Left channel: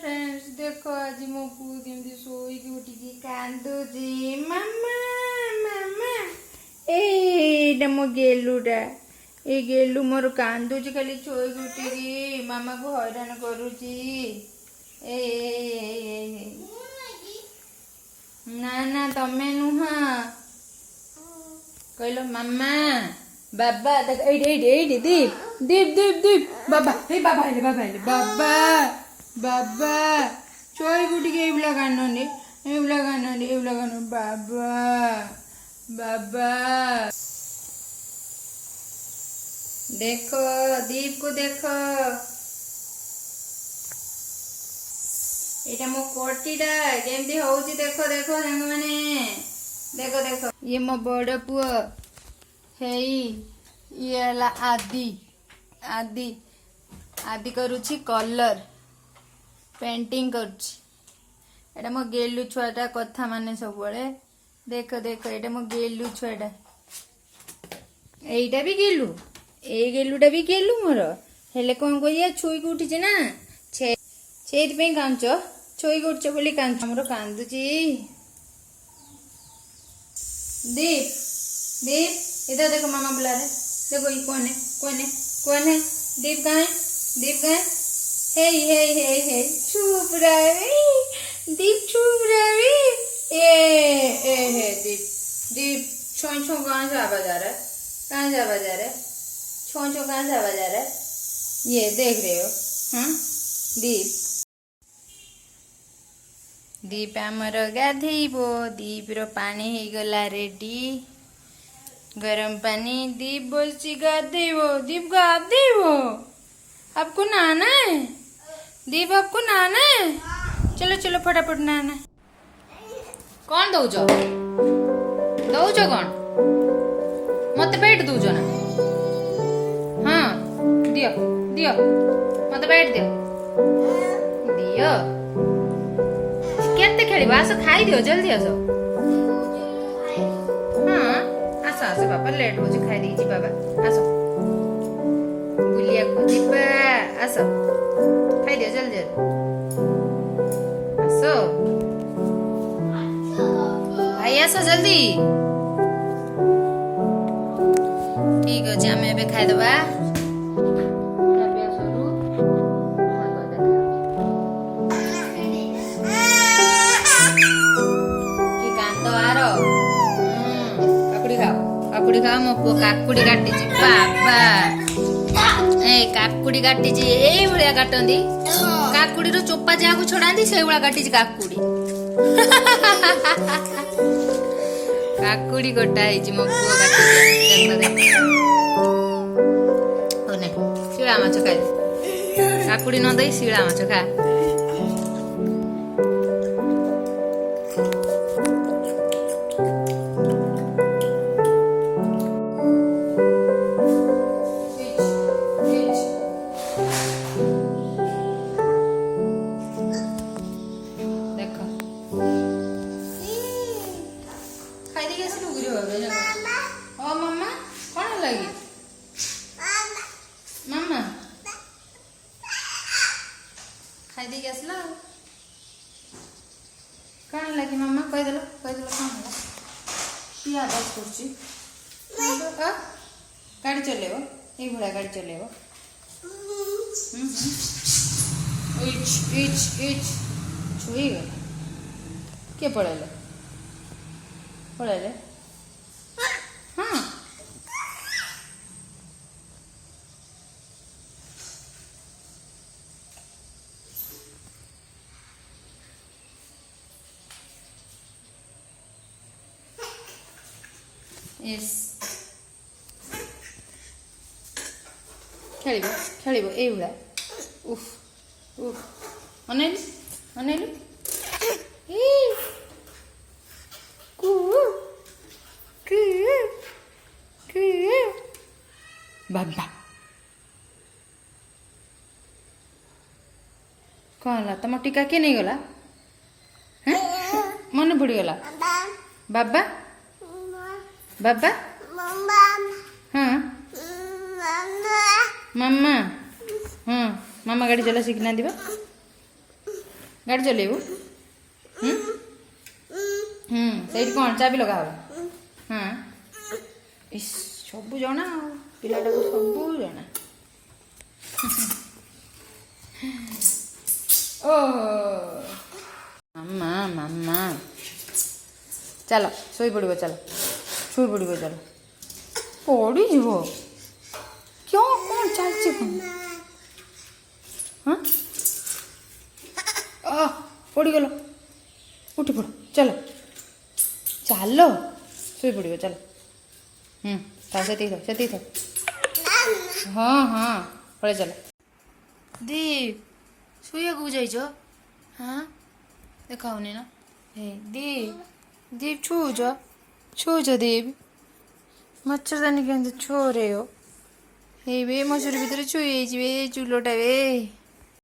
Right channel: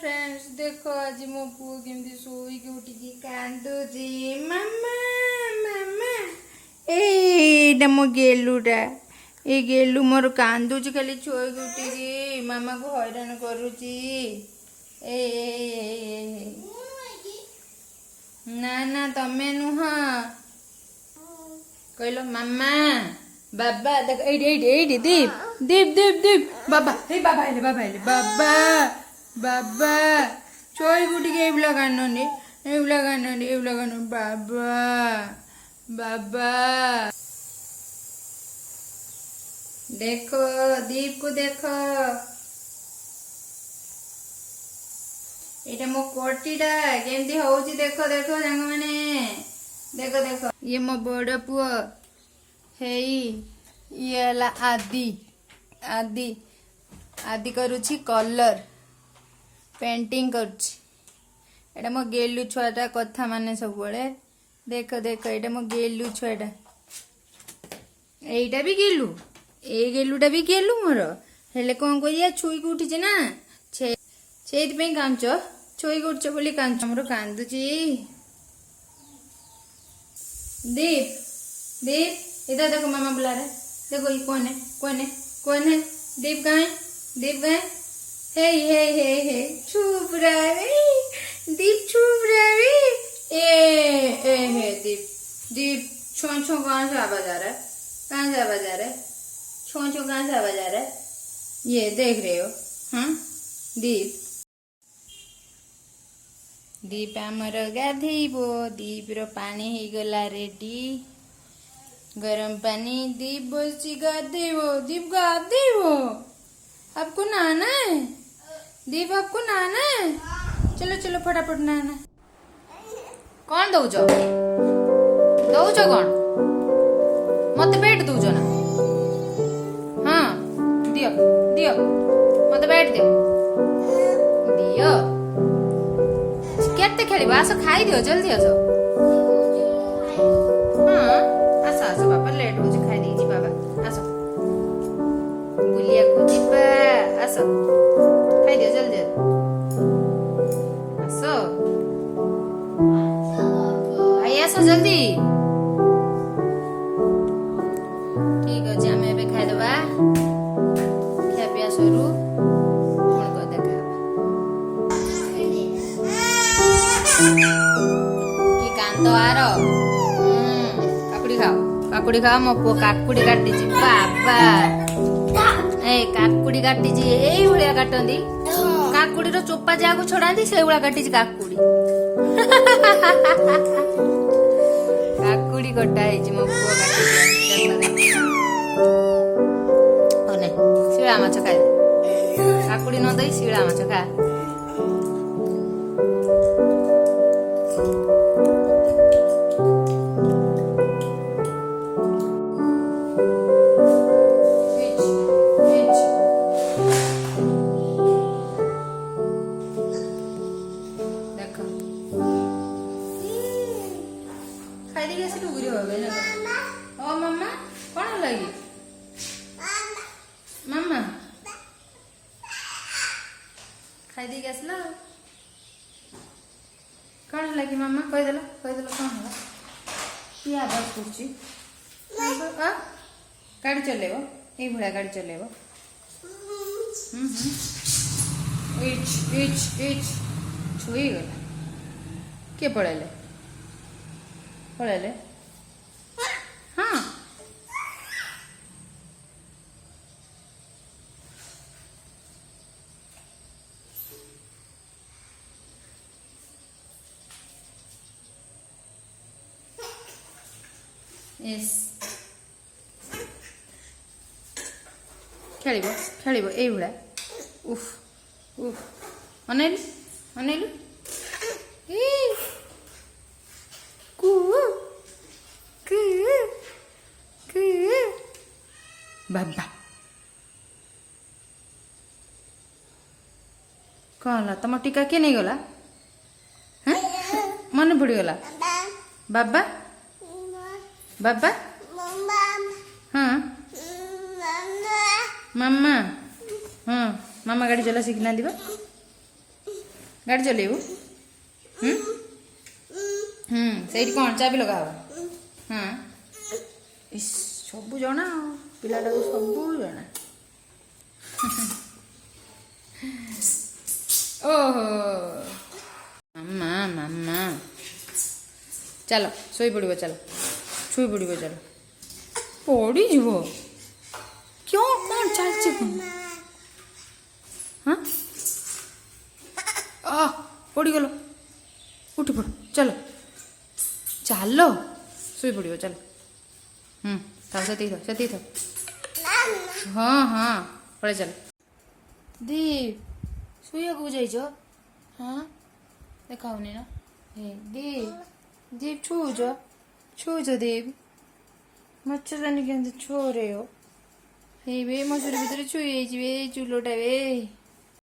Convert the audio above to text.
friends देखो आज मो पु केमती सोईकी उठिकी कांदुची मामा मामा एटा मो गेलुटा ए गेलु मोर कांदुची खाली सोईकी उठिकी मामा को हैरान करूची ए ना ना तमे नुहा कहलो मामा बाबा देख एडी दीप दीप दीप दीप बाबा हे बाबा आइले बाबा बाबा चोई गुटी के एवला कांडने बाबा बाबा देखो दीप को देखो एटा मो कोटीटा केमती होउची देखो देखो संग माने देखो देखो ये मो बड़ पुओ हेई ये हला आदि आदि आदि करूची कलर पेंटिंग करूची एटा मो गेलु छुआटा कथा माने सब बळे देखो देखो एटा मो गेलु छुआटा एटा भी गेलु ए गेलुटा भी गेलु मोर हेले कोन कोइया छुई को उठी ना छेत पे कांचो छुई को उठछ बोली कांच हमरो कांदुची दीप दीप इधर देखो मामा बुला रहे देखो ये कौन है दीप गाय हे चुप रहे दीप चुप रहे ए दीप दीप छो कहाँ से आवाज आ रहा है छो कहाँ से आवाज आ रहा है ये देख रहे हो हाँ दीप दीप आमर गाधेबो दीप रो पानी ही गला रेडी गरम पानी दीप बोलची गाधेबो दीप गाधेबो आपको नहाना है दीप आपको नहाना है चलो चलो फटाफट नहाना कौन दौच कौन मत बैठ दौच ना हाँ दियो दियो मत बैठ दियो दियो केते खेलिबो आसो खाई दियो जल्दी आसो हाँ आसो आसो बाबा लेट हो खाई दी बाबा आसो बुलिया को जीबा आसो खाई दियो जल्दी आसो भाई आसो जल्दी ठीक अछि हमें एबे खाई देबा खाबिया सरू कोन को देखा की कांदो आरो काकुड़ी खाओ मो पो काकुड़ी काटी बाबा ए काकुड़ी काटी एई भलिया काटंदी काकुड़ी रो चोपा जाको छडांदी सेई भलिया काटी काकुड़ी काकुड़ी कटा है मो पो काटी ओने शिळा माछ खाए काकुड़ी न दई शिळा माछ खा मामा कौन लगी मामा खाई दे आसला कौन लगी मामा कहीदेल कौन है कि आवाज कर गाड़ी चलेब ये भाया गाड़ी चलेब छुई गला किए पड़ेले हाँ यस खेलिब ए भला उफ उफ अनेली बाबा कौन ला तुम टीका किए नहीं गला मन पड़गला बाबा बाबा हाँ मामा हाँ मामा गाड़ी चला सीखना दिबा ଗାଡ଼ି ଚଲେଇବୁ ସେଇଠି କ'ଣ ଚାବି ଲଗା ହବ ହଁ ଇସ୍ ସବୁ ଜଣା ଆଉ ପିଲାଟାକୁ ସବୁ ଜଣା ଓହୋ ମାମା ମାମା ଚାଲ ଶୋଇପଡ଼ିବ ଚାଲ ଶୋଇପଡ଼ିବ ଚାଲ ପଡ଼ିଯିବ କ୍यों କ'ଣ ଚାଲିଛି କ'ଣ ହଁ ପଡ଼ିଗଲ ଉଠି ପଡ଼ ଚାଲ ଚାଲ ଶୋଇପଡ଼ିବ ଚାଲ ଥାଉ ସେତିକି ଥାଉ ହଁ ହଁ ପଳେଇ ଚାଲ ଦୀପ ଶୋଇବାକୁ ଯାଇଛ ହଁ ଦେଖାଉନି ନା ହେ ଦୀପ ଛୁଉଛ ଦୀପ ମच्छରଦାନୀ କେମିତି ଛୁଅରେ ହେଇ ବେ ମଶୁରୀ ଭିତରେ ଛୁଇ ହେଇଯିବେ ଚୁଲୋଟା ବେ